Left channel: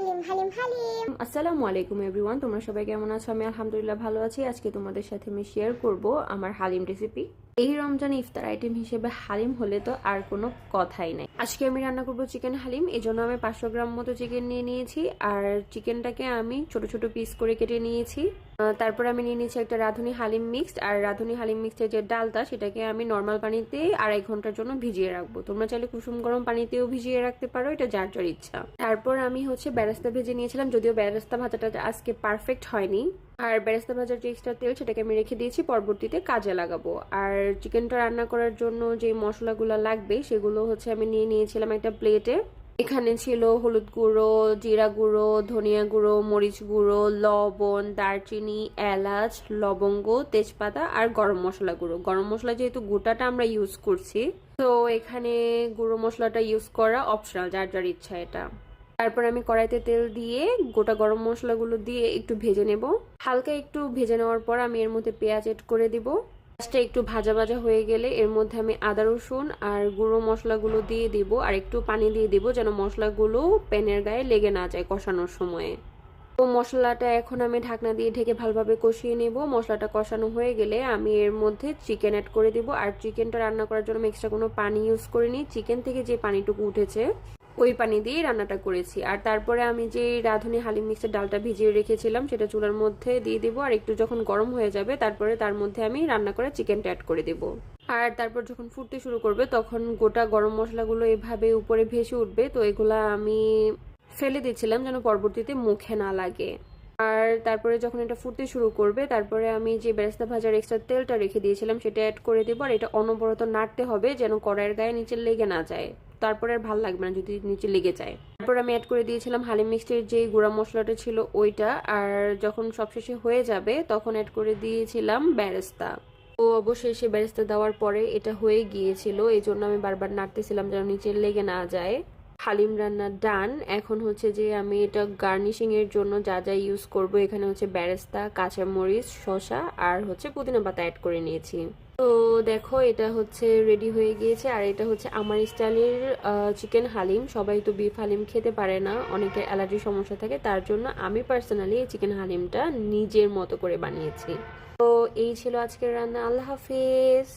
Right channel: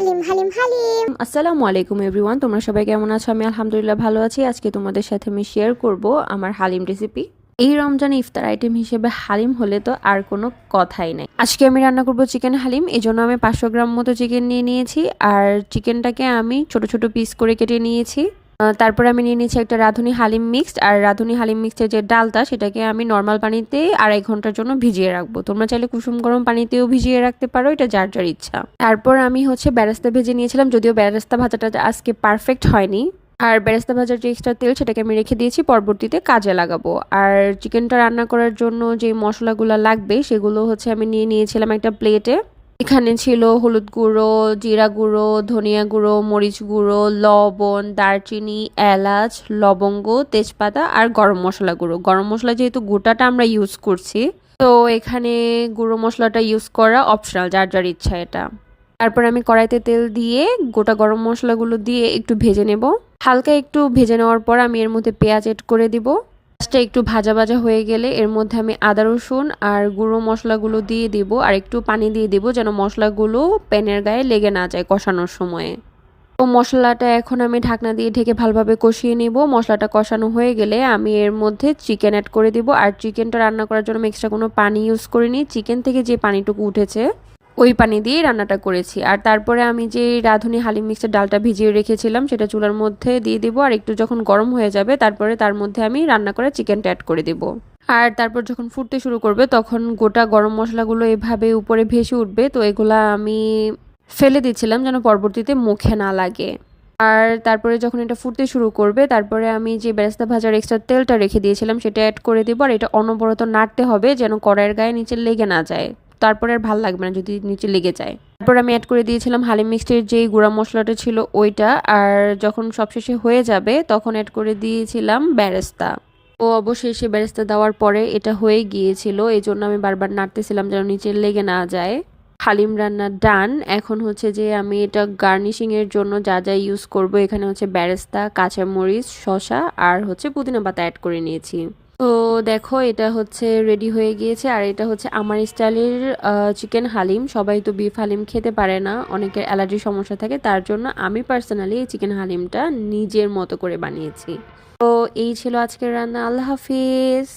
হালিম হালিম হালিম। আসসালামু আলাইকুম এভরিওয়ান, তোমরা সবাই কেমন আছো? আমি আলহামদুলিল্লাহ ভালো আছি। আজকে তোমাদের সাথে আমি শেয়ার করব আমার হালিম রেসিপি। এই রমজানে ইফতার আইটেম হিসেবে হালিম হলে তো আর কোনো কথাই নাই। আজকে আমি রান্না করব চিকেন হালিম। এই জন্য আমি 500 গ্রাম মতো চিকেন নিয়ে নিয়েছি, আর চিকেনটাকে আমি ছোট ছোট পিস করে কেটে নিয়েছি। তারপরে আমি নিয়ে নিয়েছি একটা রাঁধুনি হালিম মিক্সড, আর রাঁধুনি হালিম মিক্সডের যে ডালটা সেটাকে আমি নর্মাল পানিতে 2.5 ঘন্টার জন্য ভিজিয়ে রাখবো। তোমরা চাইলে কুসুম গরম পানিতেও ভিজিয়ে রাখতে পারো, এটা যার যার ইচ্ছা। তারপর আমি বেরেস্তা ভেজে নিয়েছিলাম, যদিও বেরেস্তা ভাজাটা আজকে পারফেক্ট হয়নি। আর বেরেস্তা ভাজার যে এক্সট্রা তেল সেটাকে আমি রেখে দিয়েছি, পরবর্তীতে কাজে লাগাবো। আর চিকেনটা রান্না করার জন্য যে মশলাগুলো লাগবে সেগুলো আমি নিয়ে নিয়েছিলাম একটা প্লেটে। এখানে ছিল হলুদ গুঁড়ো, জিরা গুঁড়ো, ধনিয়া গুঁড়ো, মরিচ গুঁড়ো, লবণ, দারচিনি, এলাচ, লবঙ্গ, তেজপাতা আর গরম মশলা গুঁড়ো। গরম মশলা যেহেতু গোটাটা আমরা ইউজ করছি, তো এখানে গুঁড়ো মশলাটা ইউজ করা অপশনাল, যার যার ইচ্ছা এটা। তারপর আমি কড়াইতে তেল দিয়ে গোটা গরম মশলাগুলো দিয়ে একটু ভেজে নেব। হালকা একটু ভেজে নেওয়ার পর আমি এর মধ্যে পেঁয়াজ এড করে দিব। পেঁয়াজটা একটু ভাজা ভাজা হয়ে গেলে এর মধ্যে আমি আদা রসুন আর গুঁড়ো মশলাগুলো দিয়ে দিব, আর একটু পানি দিয়ে দিব যেন মশলাগুলো প্যানের গায়ে লেগে না যায় কষানোর সময়ে। তো মশলাটা এখন আমি ঢাকনা দিয়ে ঢেকে ভালোভাবে কষিয়ে নেব। মশলাটা কষানো হয়ে গেলে আমি এর মধ্যে চিকেন অ্যাড করে দিব। আর চিকেনটা রান্না করার জন্য আমি এক্সট্রা কোনো পানি ইউজ করিনি, চিকেন থেকে যে পানিটুকু উঠেছে ওই পানি দিয়ে রান্নাটা করেছি। আর তারপরে আমি যে রাঁধুনি হালিম মিক্সের ডালটা ভিজিয়ে রেখেছিলাম সেটা চুলার মধ্যে দিয়ে দিব, আর একটু যখন গরম হয়ে যাবে তারপরে তার মধ্যে আমি রান্না করা চিকেনটা অ্যাড করে দিব। আর তারপর যখন ফুটতে শুরু করবে তখন গোটা গরম মশলাগুলো এভাবে উপরে ভেসে উঠবে, তো এগুলা আমি ফেলে দিচ্ছিলাম যেন পরবর্তীতে মুখে না লাগে। আর তারপরে যখন এটা ফুটতে শুরু করবে তারপরে আমি যে বেরেস্তা ভাজার এক্সট্রা তেলটা রেখে দিয়েছিলাম সেটা অ্যাড করে দিব, আর এটা অনবরত নাড়তে হবে যেন কড়াইয়ের গায়ে নিচে লেগে না যায়। তারপরে আর ভাল লাগবে না যদি নিচে লেগে যায়। তারপর আমি অ্যাড করে দিয়েছিলাম হালিম মিক্সডের যেই গুঁড়া মশলাটা ছিল ওইটা, আর যখন সবশেষে হয়ে যাবে তখন অ্যাড করে দিয়েছিলাম বেরেস্তা। ও অবশেষে বেরেস্তা দেওয়ার পরে এটা হয়ে গিয়েছিল, এই জন্য আমি বারবার নাড়তেছিলাম যেন নিচে লেগে না যায়। হালিম রান্না ডান। এখন যে আমি এটা গার্নিশিং এর জন্য যা যা ইউজ করব, এখানে বেরেস্তা, কাঁচামরিচ, শসা আর পুদিনা পাতা অ্যাড করে নিয়েছি। তো দেখো এটা রেডি হয়ে গিয়েছে। আর এটা আমার স্টাইলের চিকেন হালিম। সবাই তো বিফ হালিম খেতে পারে না, অনেকের অ্যালার্জির সমস্যা থাকে, তার জন্য আমি পার্সোনালি এই চিকেন হালিমটা নিজের মতো করে বানিয়েছি। তো এই ছিল আজকের রান্না। আল্লাহ হাফিজ।